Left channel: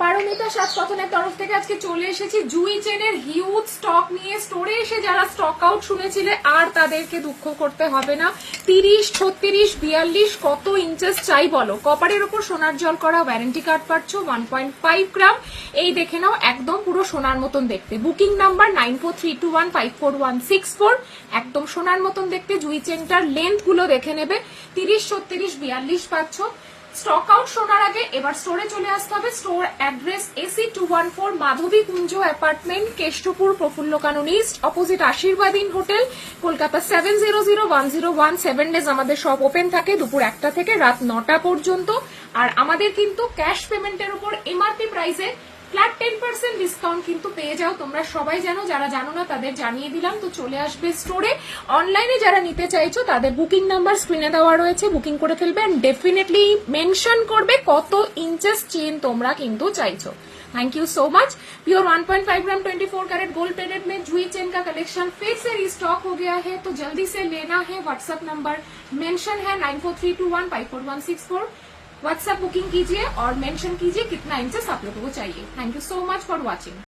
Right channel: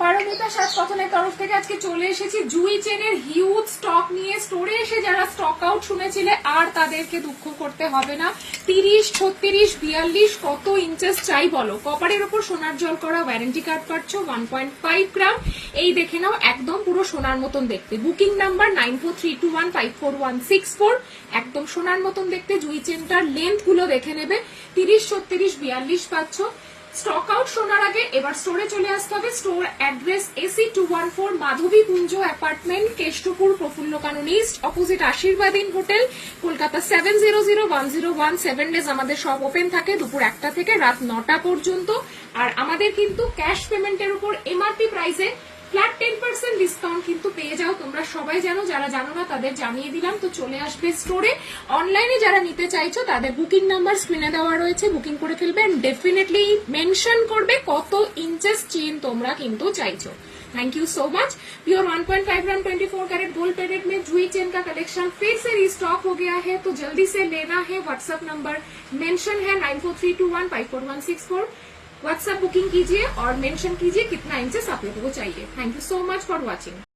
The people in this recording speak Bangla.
পারমিতা সাজ কথনের তরফ থেকে আজকে চলে এসেছি জুই চেনের হিউজ স্টক নিয়ে। স্টোরে এসে যারা স্টক আউট শুনেছিলে আর তাদেরকে দুঃখ করতে হবে না। 30, 36, 42 কত ইঞ্চেস চাই বলো। কপারের ওপর সোনার জল করা ওয়ারেন্টি কার্ড পাচ্ছ 1.5 গ্রাম। এই দেখে নাও, একদম পুরো সোনার মতন দেখতে। Booking number 9432154164। একদম সোনার মতন দেখতে জুই চেনটার লেন্থ গুলো দেখে নেবে। 30, 36, 42 পাচ্ছ। স্টক আউট শোনার আগে এবার স্টোরে চলে আসতে হবে। স্টোর অ্যাড্রেস AC 214 মাধবী কুঞ্জ অ্যাপার্টমেন্ট, কেষ্টপুর, প্রফুল্ল কানন ইস্ট, অপোজিট আশীর্বাদ ইন হোটেল, কলকাতা 700101। 7 ডেজ আমাদের সব ওপেন থাকে, দুপুর 1টা থেকে রাত 9টা পর্যন্ত। আর আমাদের কিন্তু ক্যাশ পেমেন্টের উপর MRP প্রাইসে ফ্ল্যাট 10% ডিসকাউন্ট কিন্তু পেয়ে যাও। তোমরা সবাই জানো, যারা জানো না তাদের জানিয়ে দিলাম। তো চলে আসবে স্টোরে। অনলাইনে যারা নিতে চাইছো তাদের বুকিং নাম্বার স্ক্রিনে দেওয়া রয়েছে, বুকিং করে ফেলবে। এন্ড ডেফিনেটলি মেনশন করবে কত ইঞ্চেস চেন তোমরা কিন্তু চাইছো। Thank you so much. Pure 1.5 gram 24 carat gold plated में जूई चेन का कलेक्शन फिर से रिस्टॉक हो गया है, तो जल्दी से लेना है। व्हाट्सएप नंबर मेंशन है 9432154164। व्हाट्सएप बुकिंग कीजिए और मेंशन कीजिए कितना इंचेस आप लोगों को चाहिए। Thank you so much for watching.